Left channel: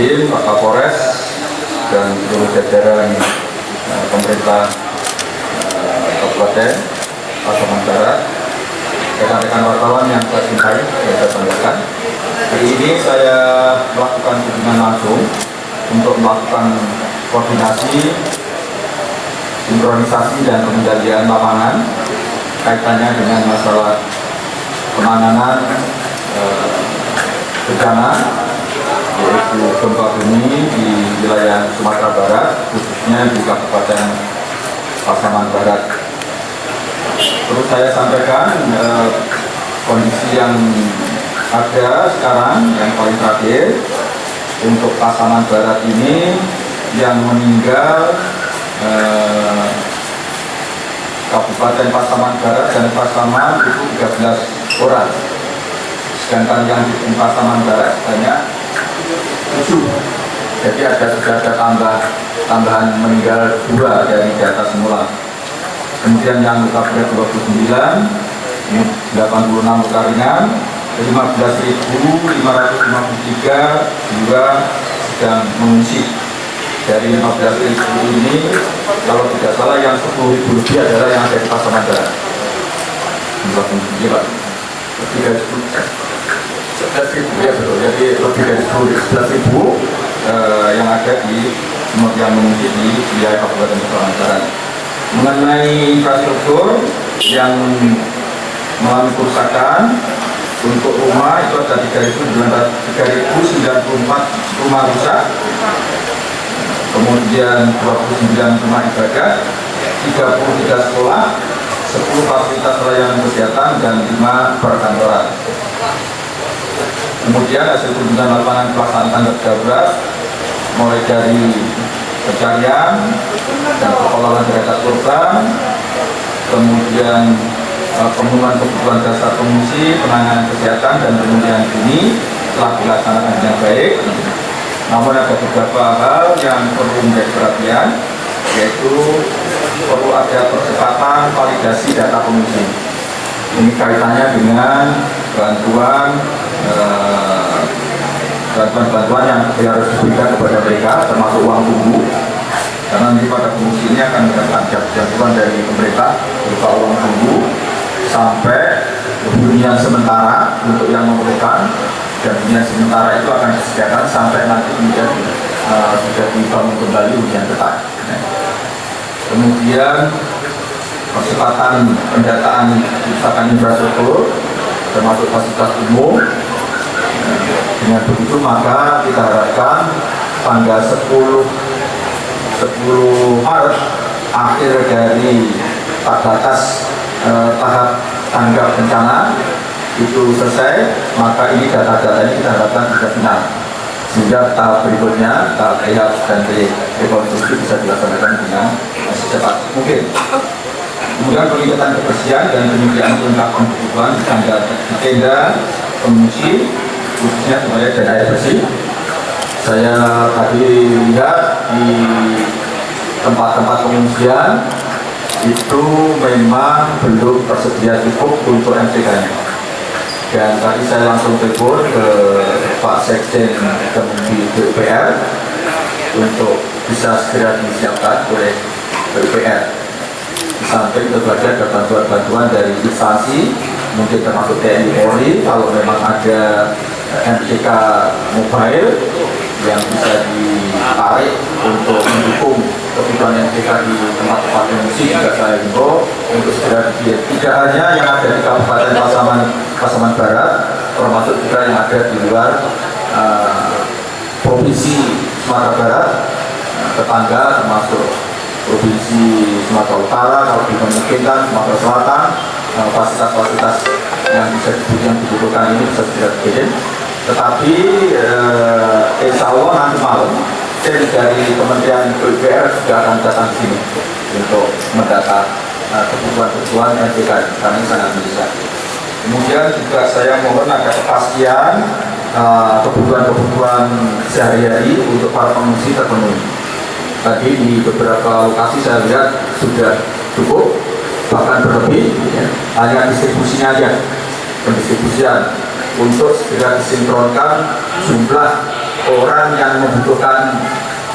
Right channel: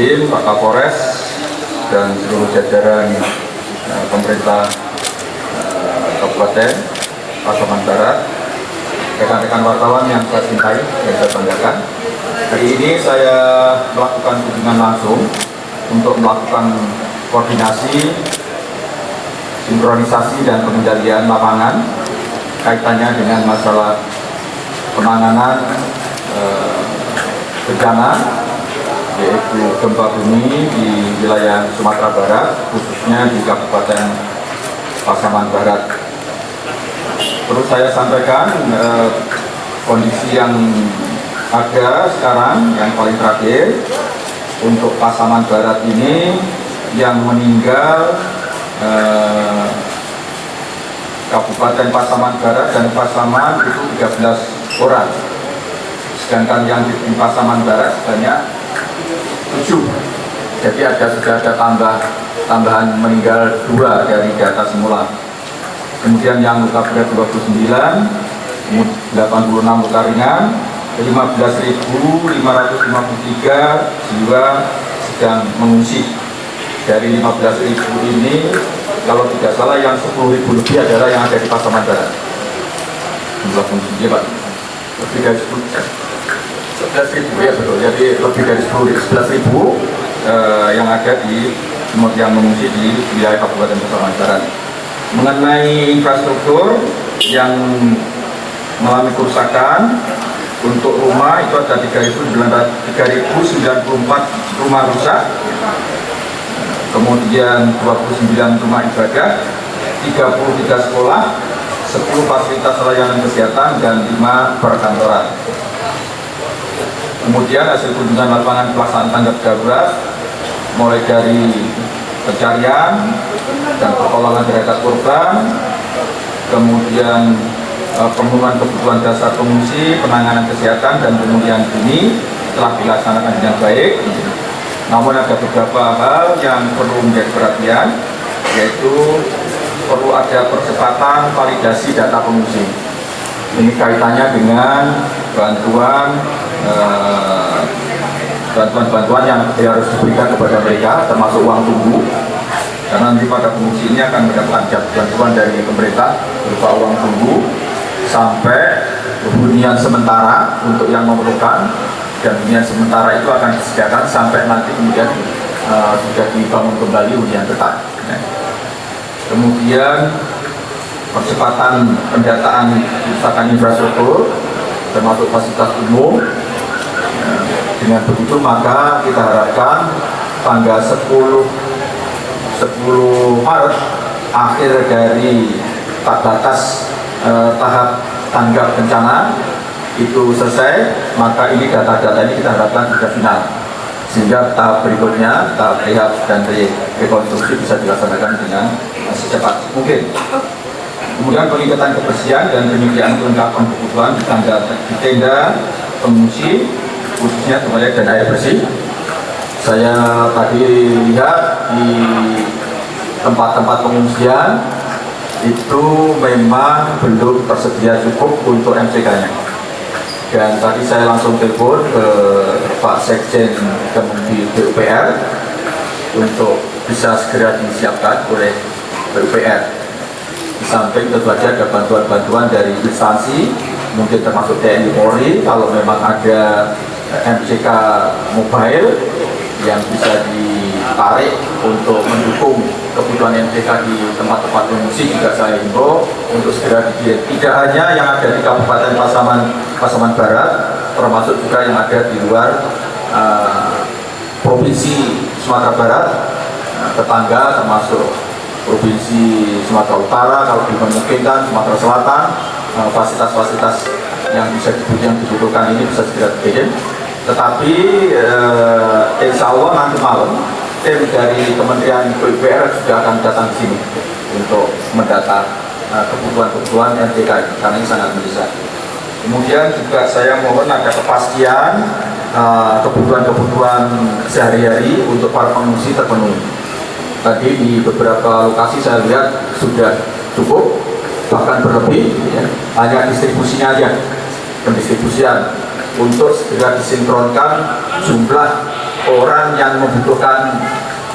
Dandim, Pak Kapolres, dan seluruh jajaran pemerintah Kabupaten Pasaman Barat, rekan-rekan wartawan yang saya cintai dan saya banggakan. Hari ini saya melakukan kunjungan langsung untuk melakukan koordinasi, sinkronisasi dan pengendalian lapangan kaitannya dengan masalah penanganan bencana, yaitu gempa bumi di wilayah Sumatera Barat, khususnya di Kabupaten Pasaman Barat. Perlu saya sampaikan kondisi yang ada sekarang yang paling terakhir untuk Pasaman Barat ini, yang meninggal Kabupaten Pasaman Barat dan Pasaman itu 13 orang, sedangkan yang di Pasaman Barat sebanyak 7. Jadi sudah ada tambahan meninggal 2 dari data semula. Kemudian yang luka berat 29, 86 luka ringan, 15.553 jiwa sedang mengungsi. Dari 15.000 ini, kalau tidak salah yang 10.000 lebih adalah yang ada di Pasaman Barat. Iya Pak, lebih dari 11.000 ya betul. Jadi lebih dari 11.000 yang ada yang mengungsi di wilayah Kabupaten Pasaman Barat. Mengenai infrastruktur yang mengalami kerusakan, untuk rumah itu ada 3.094 rumah rusak, kemudian 29 rumah ibadah, 33 sekolah, 10 fasilitas layanan kesehatan, dan 5 perkantoran. Kemudian hasil kunjungan lapangan pelaksanaan tanggap darurat, mulai dari pencarian dan pengelolaan terhadap korban, kemudian pemenuhan kebutuhan dasar pengungsi, penanganan kesehatan, dan pemulihan dini telah dilaksanakan dengan baik. Namun ada beberapa hal yang perlu menjadi perhatian, yaitu perlu ada percepatan validasi data pengungsi. Ini kaitannya dengan bantuan yang harus diberikan kepada mereka, termasuk uang tunggu. Karena nanti pada pengungsi ini akan mendapatkan bantuan dari pemerintah berupa uang tunggu sampai hunian sementara untuk yang memerlukan, dan hunian sementara itu akan disediakan sampai nanti kemudian sudah dibangun kembali hunian tetap. Kemudian percepatan pendataan kerusakan infrastruktur termasuk fasilitas umum. Dengan begitu maka kita harapkan tanggal 10 Maret akhir dari batas tahap tanggap bencana itu selesai, maka ini data-data ini kita harapkan bisa final, sehingga tahap berikutnya, tahap rehab dan rekonstruksi bisa dilaksanakan dengan secepat mungkin. Kemudian peningkatan kebersihan dan penyediaan kelengkapan kebutuhan di tenda pengungsi, khususnya sebagai dan air bersih. Saya tadi lihat di tempat-tempat pengungsian itu memang belum tersedia cukup untuk MCK-nya. Dan tadi saya langsung telepon ke Pak Sekjen Kementerian PUPR untuk bisa segera disiapkan oleh PUPR. Di samping tentu saja ada bantuan-bantuan dari instansi, mungkin termasuk TNI Polri, kalau memang ada MCK mobile yang bisa ditarik untuk mendukung kebutuhan MCK di tempat-tempat pengungsi, juga saya himbau untuk segera dikirim. Tidak hanya yang ada di Kabupaten Pasaman Barat, termasuk juga yang ada di luar Provinsi Sumatera Barat, tetangga termasuk Provinsi Sumatera Utara, kalau dimungkinkan Sumatera Selatan, fasilitas-fasilitas yang bisa dibutuhkan ini bisa segera dikirim. Tetapi insya Allah nanti malam tim dari Kementerian PUPR sudah akan datang ke sini untuk mendata kebutuhan MCK karena ini sangat mendesak. Kemudian juga saya mohon ada kepastian kebutuhan sehari-hari untuk para pengungsi terpenuhi. Tadi di beberapa lokasi saya lihat sudah cukup, bahkan berlebih, ya. Hanya distribusinya aja, pendistribusian untuk segera disinkronkan jumlah orang yang membutuhkan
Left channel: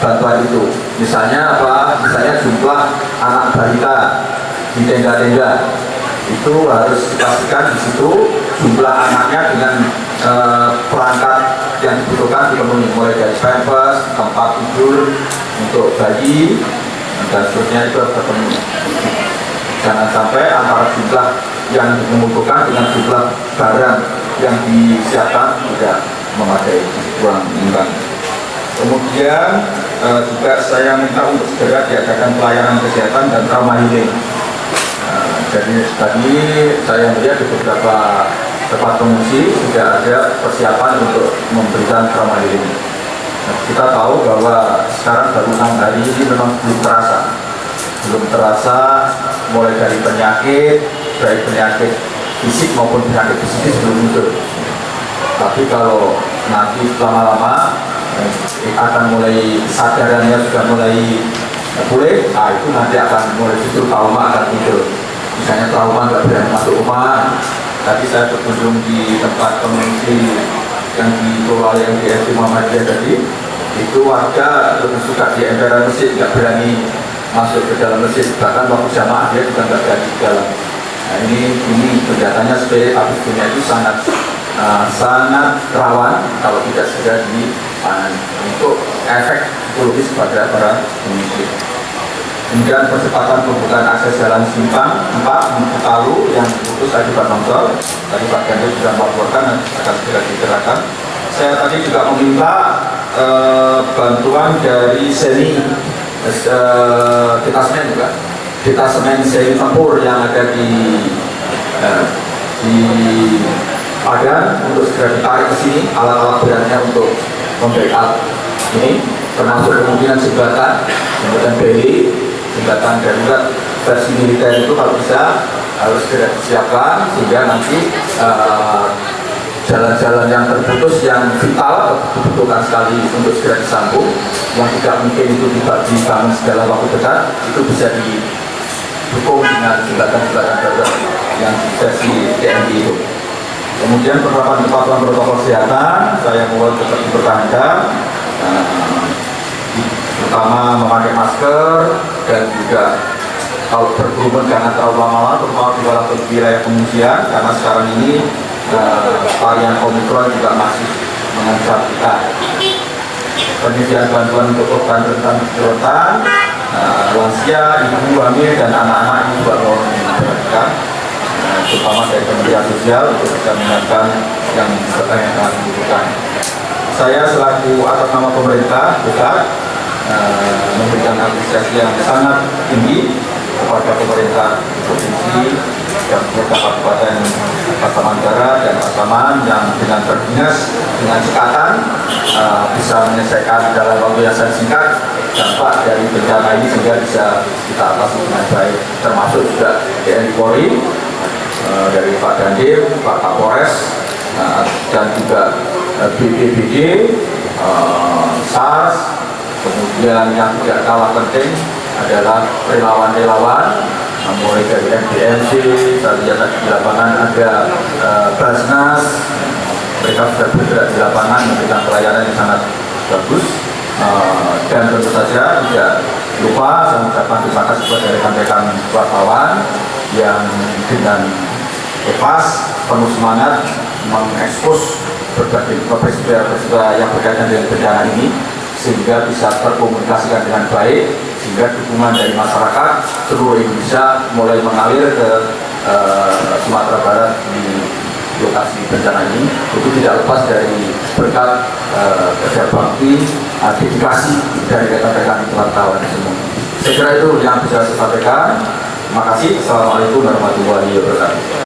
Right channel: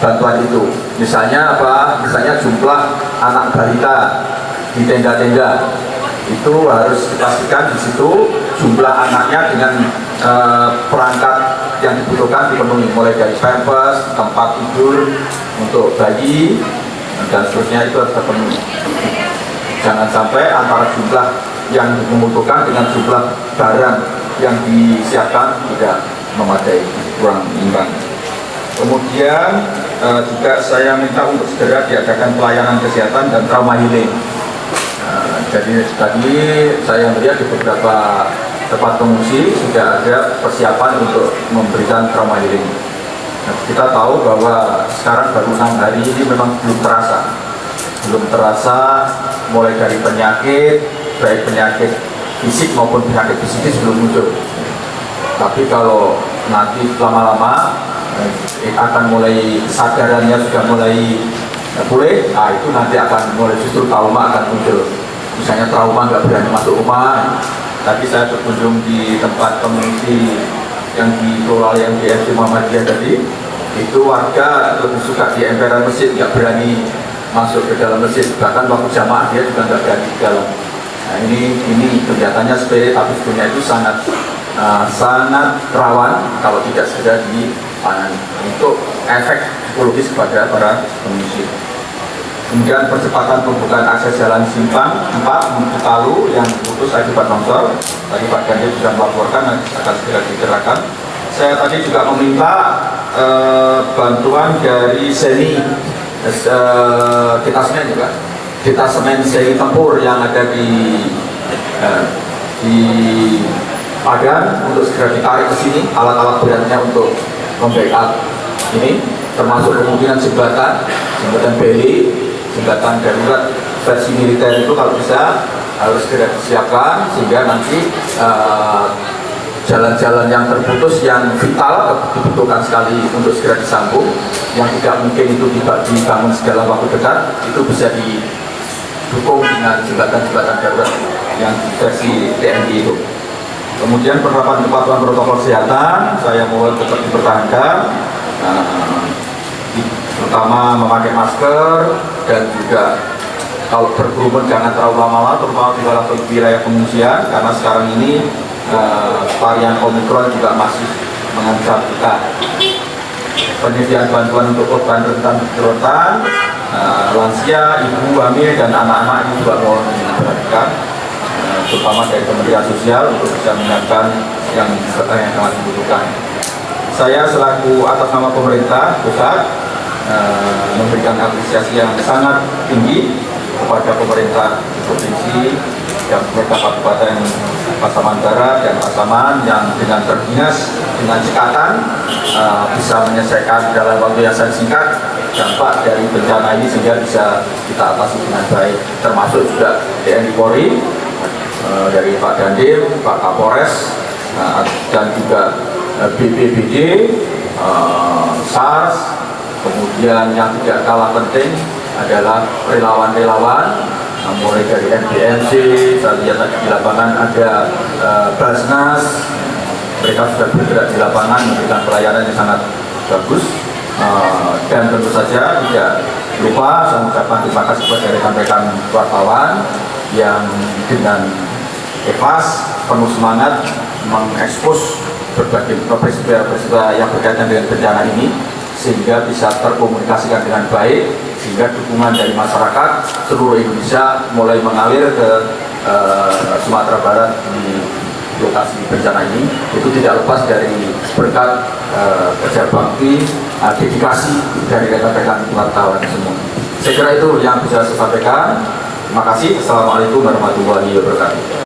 bantuan itu. Misalnya apa? Misalnya jumlah anak balita di tenda-tenda itu harus dipastikan di situ jumlah anaknya dengan perangkat yang dibutuhkan dipenuhi, mulai dari pampers, tempat tidur untuk bayi dan seterusnya itu harus terpenuhi. Jangan sampai antara jumlah yang membutuhkan dengan jumlah barang yang disiapkan tidak memadai, kurang imbang. Kemudian juga saya minta untuk segera diadakan pelayanan kesehatan dan trauma healing. Jadi tadi saya melihat di beberapa tempat pengungsi sudah ada persiapan untuk memberikan trauma healing. Kita tahu bahwa sekarang baru 6 hari ini memang belum terasa mulai dari penyakit, baik penyakit fisik maupun penyakit psikis belum muncul. Tapi kalau nanti lama-lama akan mulai sadarannya sudah mulai pulih, itu nanti akan mulai justru trauma akan muncul. Misalnya trauma nggak berani masuk rumah. Tadi saya berkunjung di tempat pengungsi yang dikelola yang di SD Muhammadiyah tadi, itu warga lebih suka di emperan masjid, nggak berani masuk ke dalam masjid, bahkan waktu jamaah dia juga nggak berani di dalam. Nah ini kelihatannya sebagai aktivitasnya itu sangat rawan kalau tidak segera ditangani untuk efek psikologis kepada para pengungsi. Kemudian percepatan pembukaan akses jalan simpang 4 menuju Palu yang putus akibat longsor. Tadi Pak Ganjar sudah melaporkan dan akan segera dikerjakan. Saya tadi juga meminta bantuan dari seni detasemen juga, detasemen seni tempur yang ada di Padang untuk segera ditarik ke sini alat-alat beratnya untuk membackup ini, termasuk kemungkinan jembatan beli, jembatan darurat versi militer itu kalau bisa harus segera disiapkan sehingga nanti jalan-jalan yang terputus yang vital dibutuhkan sekali untuk segera disambung, yang tidak mungkin itu dibangun segala waktu dekat, itu bisa didukung dengan jembatan-jembatan darurat yang versi TNI itu. Kemudian penerapan kepatuhan protokol kesehatan saya mohon tetap dipertahankan, terutama memakai masker dan juga kalau berkerumun jangan terlalu lama-lama, terutama di wilayah pengungsian karena sekarang ini varian Omikron juga masih mengancam kita. Penyediaan bantuan untuk korban rentan kesulitan, lansia, ibu hamil dan anak-anak ini juga mohon diperhatikan, terutama dari Kementerian Sosial untuk bisa menyiapkan yang sangat dibutuhkan. Saya selaku atas nama pemerintah pusat memberikan apresiasi yang sangat tinggi kepada pemerintah provinsi dan pemerintah Kabupaten Pasaman Barat dan Pasaman yang dengan berdinas dengan cekatan bisa menyelesaikan dalam waktu yang sangat singkat dampak dari bencana ini sehingga bisa kita atasi dengan baik, termasuk juga TNI Polri dari Pak Dandim, Pak Kapolres dan juga BPBD, SARS, kemudian yang tidak kalah penting adalah relawan-relawan mulai dari MDMC, saya lihat tadi di lapangan ada Basnas, mereka sudah bergerak di lapangan memberikan pelayanan yang sangat bagus, dan tentu saja tidak lupa saya mengucapkan terima kasih kepada rekan-rekan wartawan yang dengan ikhlas, penuh semangat mengekspos berbagai peristiwa yang berkaitan dengan bencana ini sehingga bisa terkomunikasikan dengan baik, sehingga dukungan dari masyarakat seluruh Indonesia mulai mengalir ke Sumatera Barat di lokasi bencana ini. Itu tidak lepas dari berkat kerja bakti, dedikasi dari rekan-rekan wartawan semua. Saya kira itu yang bisa saya sampaikan. Terima kasih. Assalamualaikum warahmatullahi wabarakatuh.